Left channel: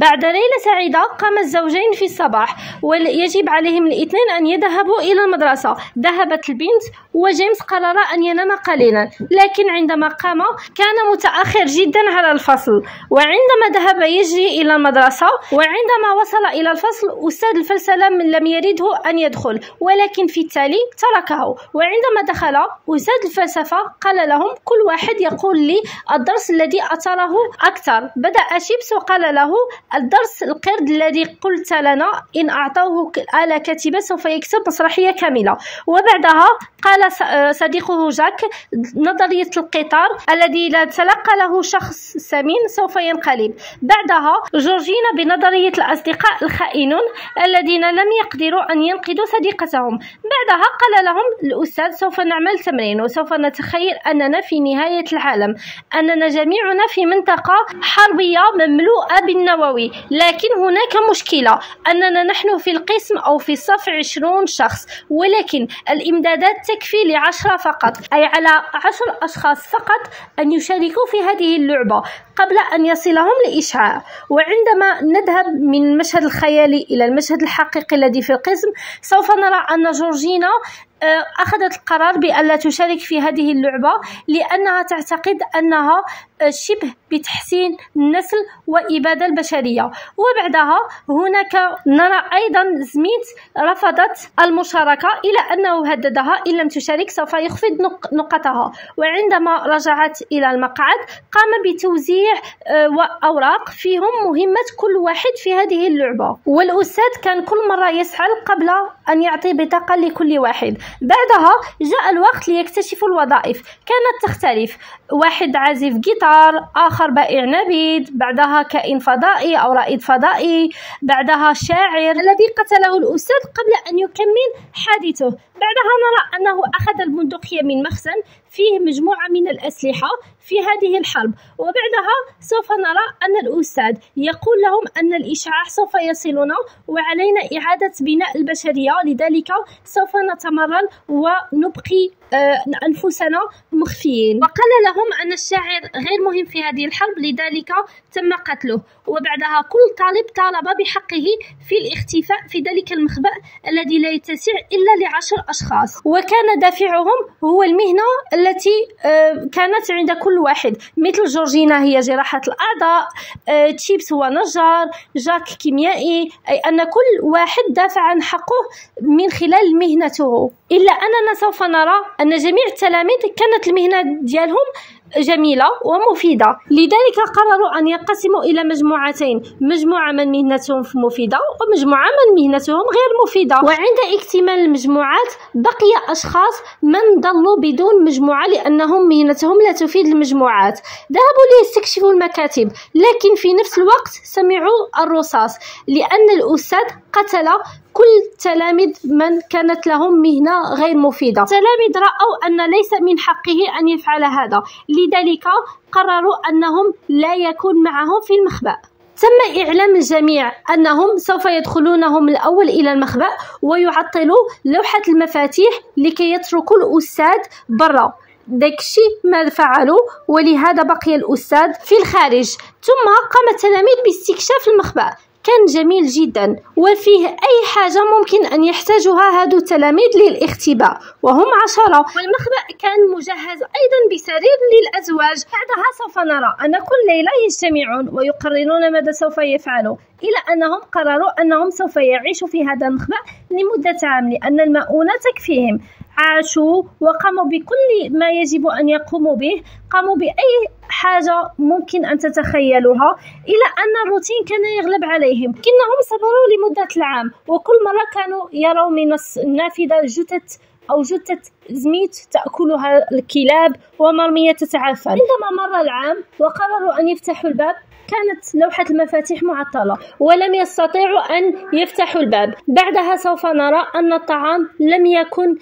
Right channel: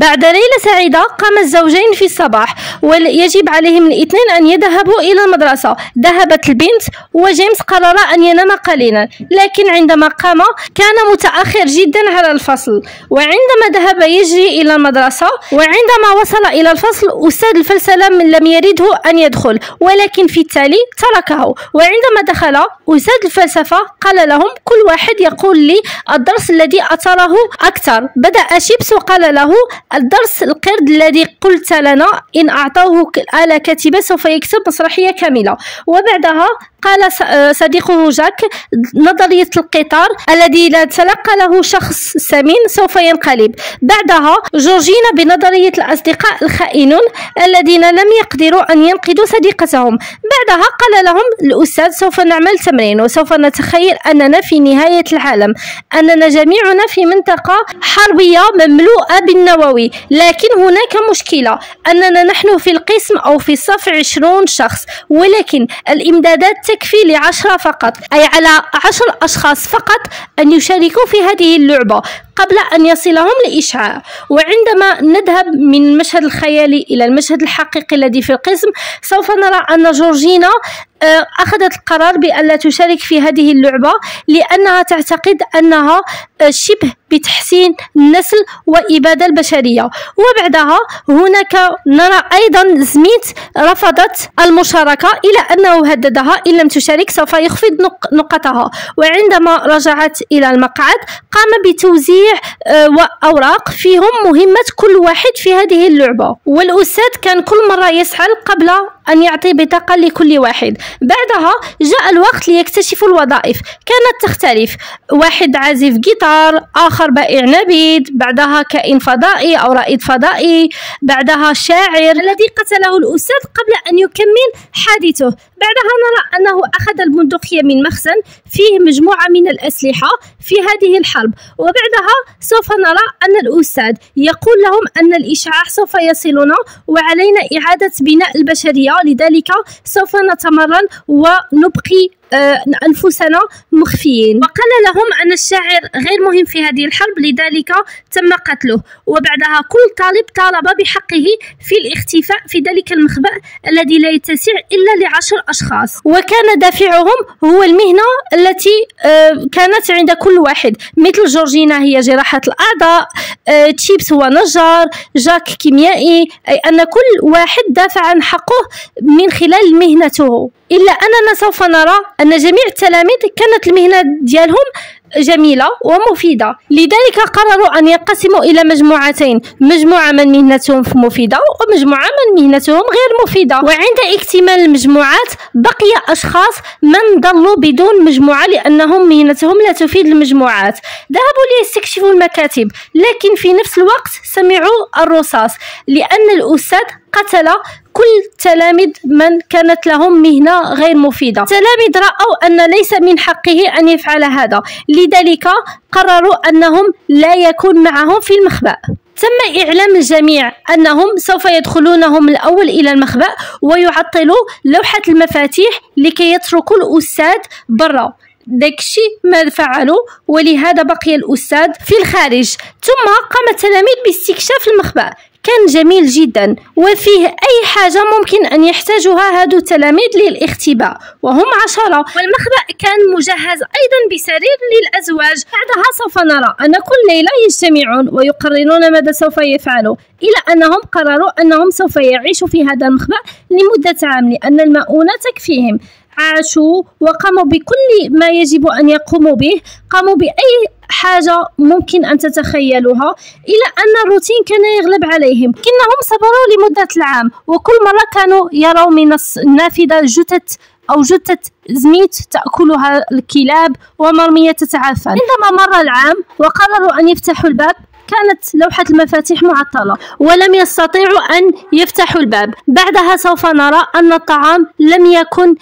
بعد ليلة سعيدة قام الزوجين في الصباح ويجب عليهم الاثنين أن يذهبوا إلى المدرسة. ذهبت البنت وجيمس قرر أن ينام قليلا، لكن عندما قام كان متأخر جدا على الفصل. وعندما ذهب يجري إلى المدرسة، وعندما وصل إلى الفصل أستاذ الفلسفة لم يرده أن يدخل، ولكن في التالي تركه. وعندما دخل أستاذ الفلسفة قال لهم كل واحد يقول لي الدرس الذي أثره أكثر. بدأ شيبس وقال له الدرس القرد الذي قلت لنا إن أعطوه آلة كاتبة سوف يكتب مسرحية كاملة. وبعدها قال صديقه جاك نظرية القطار الذي لا تلقى له شخص سمين سوف ينقلب. بعدها جورجينا بنظرية الأصدقاء الخائنون الذين لم يقدروا أن ينقذوا صديقتهم. بعدها قال لهم الأستاذ سوف نعمل تمرين وسوف نتخيل أننا في نهاية العالم، أننا جميعنا في منطقة حربية مملوءة بالنووي، لكن هناك مشكلة أننا نحن في القسم أو في الصف 20 شخص، ولكن الإمدادات تكفي ل10 فقط، أي على 10 أشخاص فقط أن يشاركوا في هذه اللعبة قبل أن يصلهم الإشعاع. وعندما نذهب من المشهد الخيالي إلى المشهد الحقيقي الذي في القسم سوف نرى أن جورجينا أخذت القرار بألا تشارك في هذه اللعبة لأنها تعتقد أنها شبه بتحسين النسل وإبادة البشرية. وبعدها هناك نرى أيضا سميث رفضت المشاركة إلى أنه هددها إن لم تشارك سوف يخفض نقطها. وعندما رجعت إلى المقعد قام بتوزيع أوراق فيهم مهمة كل واحد في هذه اللعبة، والأستاذ كان كل مرة يسأل قبل أن يعطي بطاقة لكل واحد. بعدها جاء الوقت ليكتشفوا الوظائف، كانت تختلف، واحد عازف جيتار، آخر بائع نبيذ، بعدها كائن فضائي أو رائد فضائي، بعدها شاعر الذي قتله الأستاذ قبل أن يكمل حادثه. بعدها نرى أنه أخذ البندقية من مخزن فيه مجموعة من الأسلحة في هذه الحرب. وبعدها سوف نرى أن الأستاذ يقول لهم أن الإشعاع سوف يصلنا وعلينا إعادة بناء البشرية، لذلك سوف نتمرن ونبقي أنفسنا مخفيين. وقال لهم أن الشاعر غير مهم في هذه الحرب لذلك تم قتله. وبعدها كل طالب طالب بحقه في الاختفاء في ذلك المخبأ الذي لا يتسع إلا ل10 أشخاص. وكان دافعهم هو المهنة التي كانت عند كل واحد، مثل جورجينا هي جراحة الأعضاء، تشيبس هو نجار، جاك كيميائي، أي أن كل واحد دافع عن حقه من خلال مهنته. إلا أننا سوف نرى أن جميع التلاميذ كانت المهنة ديالهم جميلة ومفيدة، لذلك قرروا أن ينقسموا إلى مجموعتين، مجموعة من مهنتهم مفيدة ومجموعة من مهنتهم غير مفيدة. وعند اكتمال المجموعات بقي أشخاص من ضلوا بدون مجموعة لأنهم مهنتهم لا تفيد المجموعات. ذهبوا ليستكشفوا المكاتب، لكن في نفس الوقت سمعوا الرصاص لأن الأستاذ قتل كل تلاميذ من كانت لهم مهنة غير مفيدة. تلاميذ رأوا أن ليس من حقه أن يفعل هذا، لذلك قرروا أنهم لا يكون معهم في المخبأ. تم إعلام الجميع أنهم سوف يدخلونهم الأول إلى المخبأ ويعطلوا لوحة المفاتيح لكي يتركوا الأستاذ برا. داكشي ما فعلوا، ولهذا بقي الأستاذ في الخارج. ثم قام التلاميذ باستكشاف المخبأ، كان جميل جدا وفيه أي حاجة ممكن أن يحتاجها هذو التلاميذ للاختباء، وهم 10. والمخبأ كان مجهز أيضا بسرير للأزواج. بعدها سوف نرى أن كل ليلة يجتمعون ويقررون ماذا سوف يفعلوا، إلى أنهم قرروا أنهم سوف يعيشوا في هذا المخبأ لمدة عام لأن المؤونة تكفيهم. عاشوا وقاموا بكل ما يجب أن يقوموا به، قاموا بأي حاجة ممكن أن تتخيلوها، إلى أن الروتين كان يغلب عليهم، لكنهم صبروا لمدة العام. وكل مرة كانوا يروا من النافذة جثة سميث تأكلها الكلاب ومرمية تتعفن. عندما مر العام وقرروا أن يفتحوا الباب كانت لوحة المفاتيح معطلة ولم يستطيعوا أن يفتحوا الباب. بعدها سوف نرى أن الطعام لم يكن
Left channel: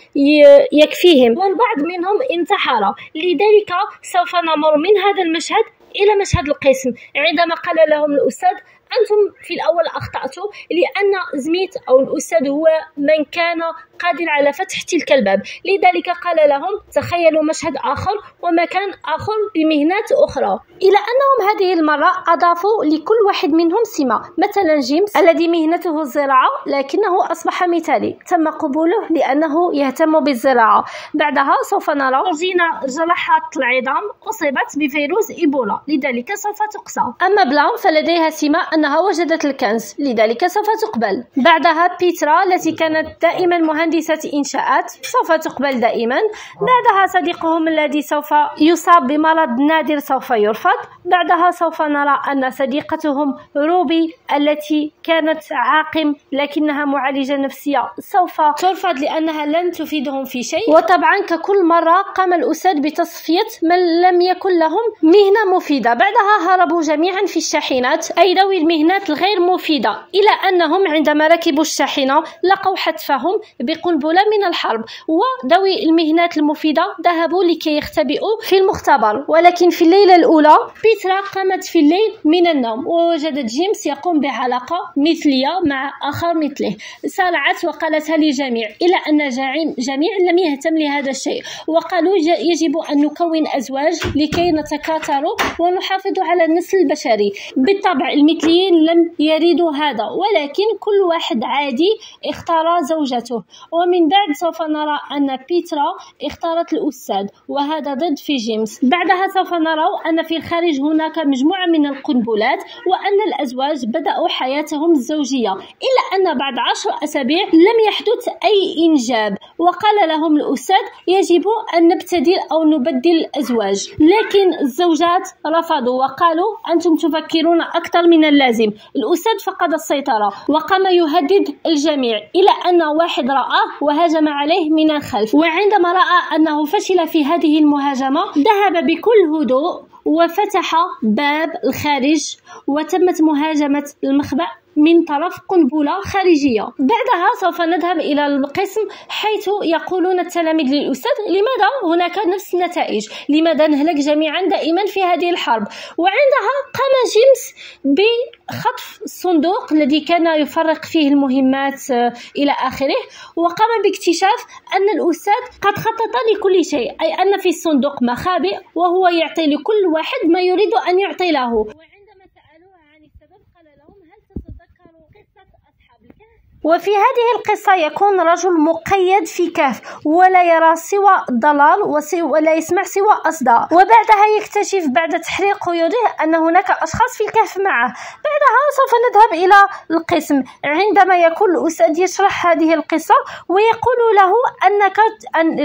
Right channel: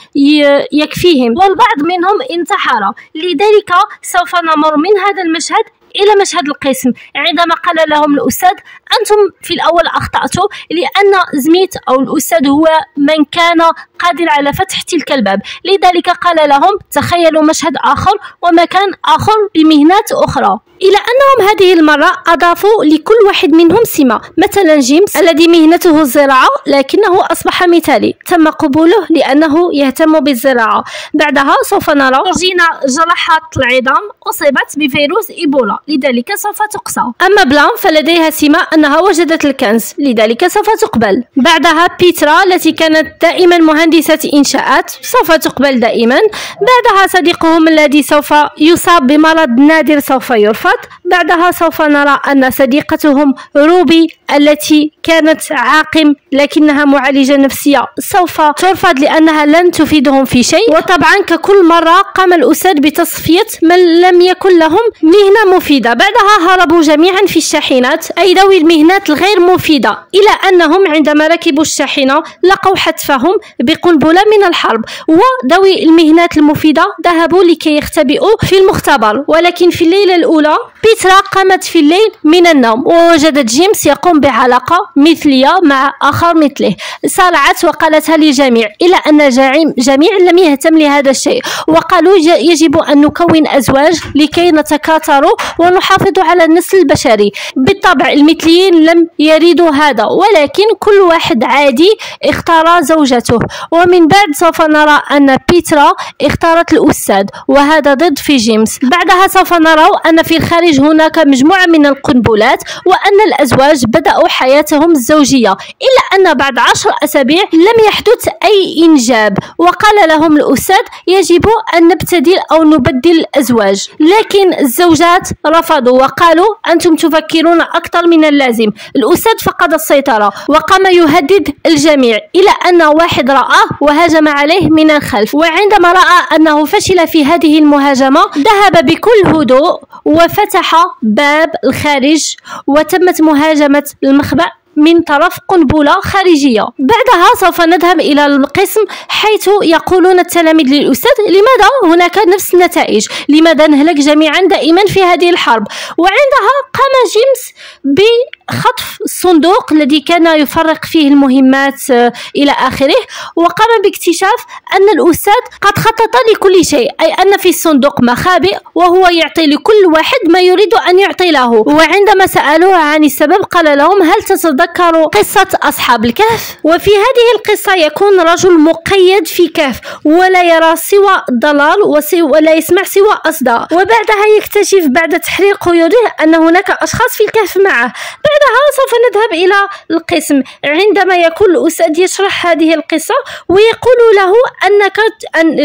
يكفيهم والبعض منهم انتحر، لذلك سوف نمر من هذا المشهد إلى مشهد القسم عندما قال لهم الأستاذ أنتم في الأول أخطأتوا، لأن سميث أو الأستاذ هو من كان قادر على فتح تلك الباب، لذلك قال لهم تخيلوا مشهد آخر ومكان آخر بمهنات أخرى، إلى أنهم هذه المرة أضافوا لكل واحد منهم سمة. مثلا جيمس الذي مهنته الزراعة لكنه أصبح مثالي، تم قبوله لأنه يهتم بالزراعة. بعدها سوف نرى جورجينا جراحة العظام أصيبت بفيروس إيبولا، لذلك سوف تقصى. أما بلان فلديها سمة أنها وجدت الكنز، لذلك سوف تقبل. بعدها بيترا التي كانت دائما مهندسة إنشاءات سوف تقبل دائما. بعدها صديقهم الذي سوف يصاب بمرض نادر سوف يرفض. بعدها سوف نرى أن صديقتهم روبي التي كانت عاقم لكنها معالجة نفسية سوف ترفض لأنها لن تفيدهم في شيء. وطبعا ككل مرة قام الأستاذ بتصفية من لم يكن لهم مهنة مفيدة. بعدها هربوا جميعا في الشاحنات، أي ذوي المهنات الغير مفيدة، إلى أنهم عندما ركبوا الشاحنة لقوا حتفهم بقنبلة من الحرب، وذوي المهنات المفيدة ذهبوا لكي يختبئوا في المختبر. ولكن في الليلة الأولى بيترا قامت في الليل من النوم ووجدت جيمس يقوم بعلاقة مثلية مع آخر مثله. صارعت وقالتها للجميع، إلى أن الجميع لم يهتم لهذا الشيء، وقالوا يجب أن نكون أزواج لكي نتكاثر ونحافظ على النسل البشري. بالطبع المثليين لم يريدوا هذا، ولكن كل واحد عادي اختار زوجته. ومن بعد سوف نرى أن بيترا اختارت الأستاذ، وهذا ضد في جيمس. بعدها سوف نرى أن في الخارج هناك مجموعة من القنبلات، وأن الأزواج بدأوا حياتهم الزوجية، إلا أن بعد 10 أسابيع لم يحدث أي إنجاب. وقال لهم الأستاذ يجب أن نبتدل أو نبدل الأزواج، لكن الزوجات رفضوا وقالوا أنتم تفكرون أكثر من اللازم. الأستاذ فقد السيطرة وقام يهدد الجميع، إلى أن واحد رآه وهاجم عليه من الخلف، وعندما رأى أنه فشل في هذه المهاجمة ذهب بكل هدوء وفتح باب الخارج، وتمت مهاجمة المخبأ من طرف قنبلة خارجية. بعدها سوف نذهب إلى القسم حيث يقولون التلاميذ للأستاذ لماذا هناك نفس النتائج؟ لماذا نهلك جميعا دائما في هذه الحرب؟ وعندها قام جيمس بخطف الصندوق الذي كان يفرق فيه المهمات إلى آخره، وقام باكتشاف أن الأستاذ قد خطط لكل شيء، أي أن في الصندوق مخابئ وهو يعطي لكل واحد ما يريد أن يعطي له. وعندما سألوه عن السبب قال لهم هل تتذكروا قصة أصحاب الكهف؟ وفي هذه القصة يكون رجل مقيد في كهف ولا يرى سوى الضلال ولا يسمع سوى أصداء، وبعدها يكتشف بعد تحرير قيوده أن هناك أشخاص في الكهف معه. بعدها سوف نذهب إلى القسم عندما يكون الأستاذ يشرح هذه القصة ويقول له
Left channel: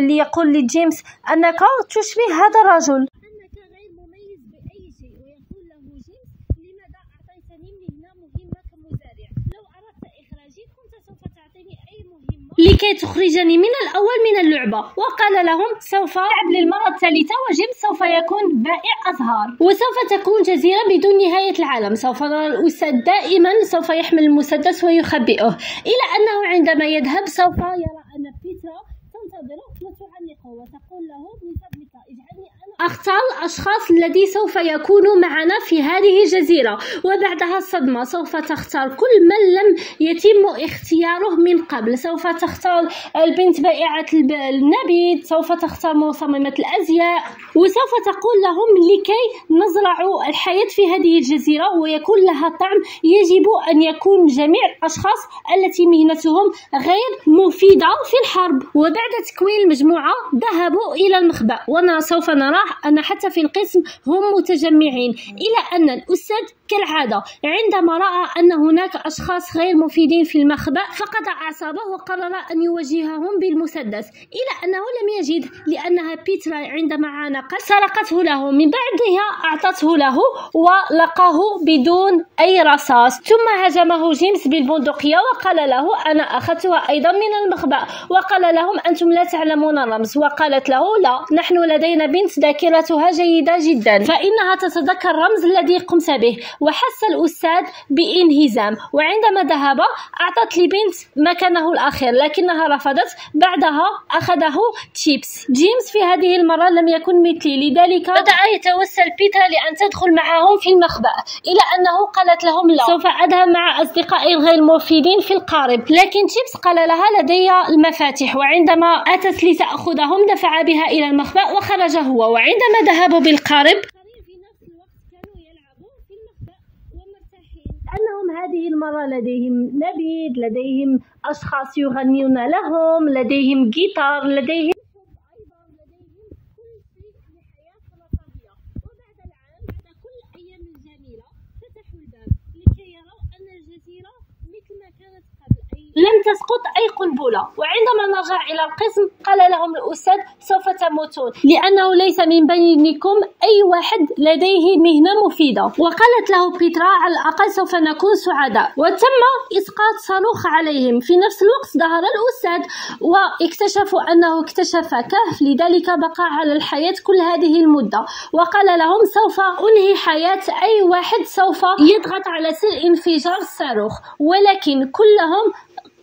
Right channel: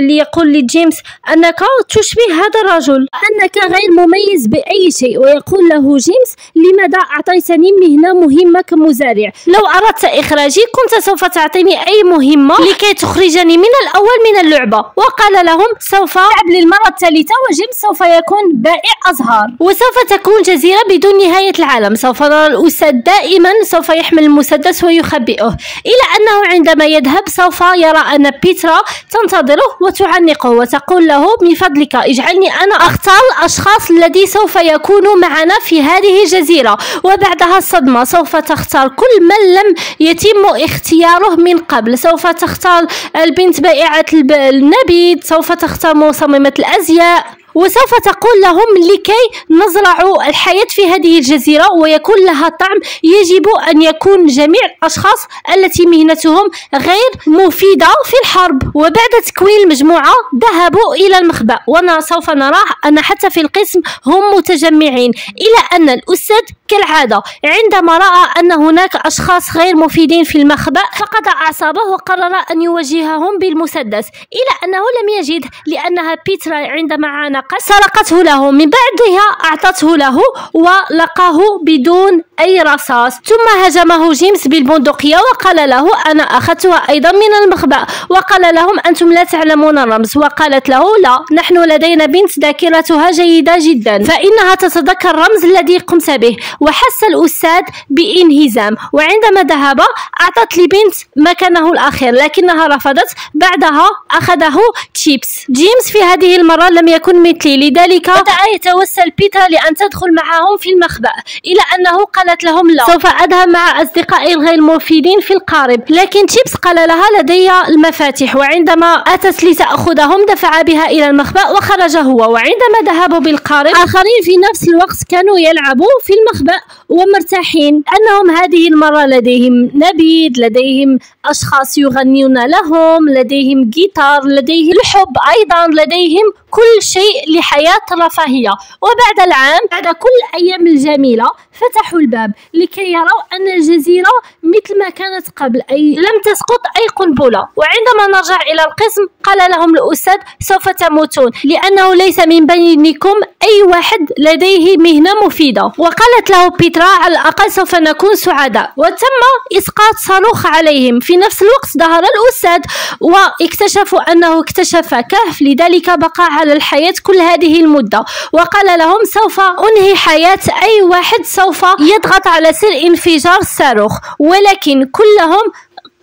يقول لجيمس أنك تشبه هذا الرجل، أنك غير مميز بأي شيء، ويقول له جيمس لماذا أعطيتني مهنة مهمة كمزارع؟ لو أردت إخراجي كنت سوف تعطيني أي مهمة لكي تخرجني من الأول من اللعبة. وقال لهم سوف ألعب للمرة الثالثة وجيمس سوف يكون بائع أزهار، وسوف تكون جزيرة بدون نهاية العالم. سوف نرى الأستاذ دائما سوف يحمل المسدس ويخبئه، إلى أنه عندما يذهب سوف يرى أن بيترا تنتظره وتعنقه وتقول له من فضلك اجعلني أنا أختار الأشخاص الذي سوف يكونوا معنا في هذه الجزيرة. وبعدها الصدمة، سوف تختار كل من لم يتم اختياره من قبل. سوف تختار البنت بائعة النبيذ، سوف تختار مصممة الأزياء، وسوف تقول لهم لكي نزرع الحياة في هذه الجزيرة ويكون لها طعم يجب أن يكون جميع الأشخاص التي مهنتهم غير مفيدة في الحرب. وبعد تكوين المجموعة ذهبوا إلى المخبأ، وسوف نرى أن حتى في القسم هم متجمعين، إلى أن الأستاذ كالعادة عندما رأى أن هناك أشخاص غير مفيدين في المخبأ فقد أعصابه وقرر أن يواجههم بالمسدس، إلى أنه لم يجد لأنها بيترا عندما عانقت سرقته له، من بعدها أعطته له ولقاه بدون أي رصاص. ثم هجمه جيمس بالبندقية وقال له أنا أخذتها أيضا من المخبأ، وقال لهم أنتم لا تعلمون الرمز، وقالت له لا، نحن لدينا بنت ذاكرتها جيدة جدا فإنها تتذكر الرمز الذي قمت به. وحس الأستاذ بانهزام، وعندما ذهب أعطت لبنت مكانه الأخير لكنها رفضت. بعدها أخذه تشيبس. جيمس في هذه المرة لم يكن مثلي. لذلك بدأ يتوسل بيترا لأن تدخل معهم في المخبأ، إلى أنه قالت لهم لا، سوف أذهب مع أصدقائي الغير مفيدين في القارب. لكن تشيبس قال لها لدي المفاتيح، وعندما أتت لتأخذهم دفع بها إلى المخبأ وخرج هو. وعندما ذهبوا بالقارب آخرين في نفس الوقت كانوا يلعبوا في المخبأ ومرتاحين، أنهم هذه المرة لديهم نبيذ، لديهم أشخاص يغنون لهم، لديهم جيتار، لديهم الحب أيضا، لديهم كل شيء لحياة رفاهية. وبعد العام، بعد كل الأيام الجميلة، فتحوا الباب لكي يروا أن الجزيرة مثل ما كانت قبل، أي لم تسقط أي قنبلة. وعندما نرجع إلى القسم قال لهم الأستاذ سوف تموتون، لأنه ليس من بينكم أي واحد لديه مهنة مفيدة. وقالت له بيترا على الأقل سوف نكون سعداء. وتم إسقاط صاروخ عليهم. في نفس الوقت ظهر الأستاذ واكتشفوا أنه اكتشف كهف، لذلك بقى على الحياة كل هذه المدة. وقال لهم سوف أنهي حياة أي واحد سوف يضغط على سر انفجار الصاروخ. ولكن كلهم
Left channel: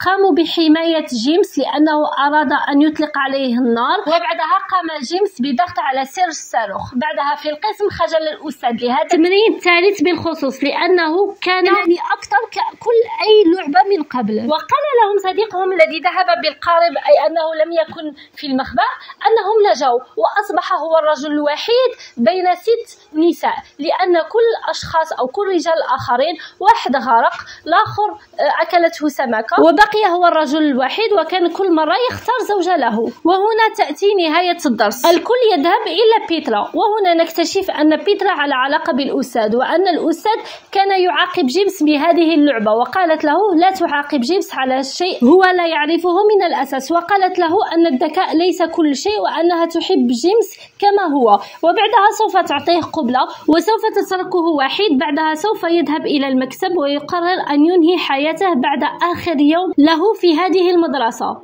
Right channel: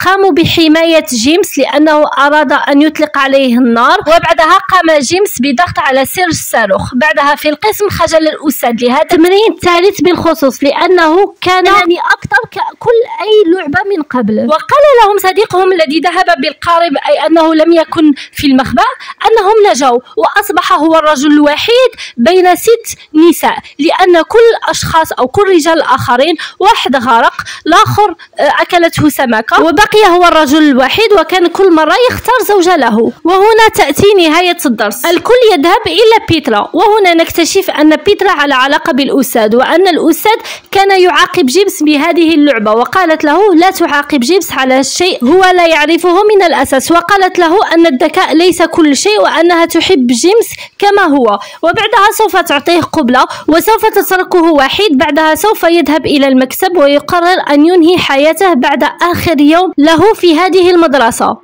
قاموا بحماية جيمس لأنه أراد أن يطلق عليه النار. وبعدها قام جيمس بضغط على سر الصاروخ. بعدها في القسم خجل الأستاذ لهذا التمرين الثالث بالخصوص، لأنه كان يعني أكثر ككل أي لعبة من قبل. وقال لهم صديقهم الذي ذهب بالقارب، أي أنه لم يكن في المخبأ، أنهم نجوا وأصبح هو الرجل الوحيد بين 6 نساء، لأن كل الأشخاص أو كل رجال آخرين، واحد غرق، الآخر أكلته سمكة، وبقي هو الرجل الوحيد، وكان كل مرة يختار زوجة له. وهنا تأتي نهاية الدرس. الكل يذهب إلى بيترا، وهنا نكتشف أن بيترا على علاقة بالأستاذ، وأن الأستاذ كان يعاقب جيمس بهذه اللعبة. وقالت له لا تعاقب جيمس على شيء هو لا يعرفه من الأساس. وقالت له أن الذكاء ليس كل شيء، وأنها تحب جيمس كما هو. وبعدها سوف تعطيه قبلة وسوف تتركه وحيد. بعدها سوف يذهب إلى المكتب ويقرر أن ينهي حياته بعد آخر يوم له في هذه المدرسة.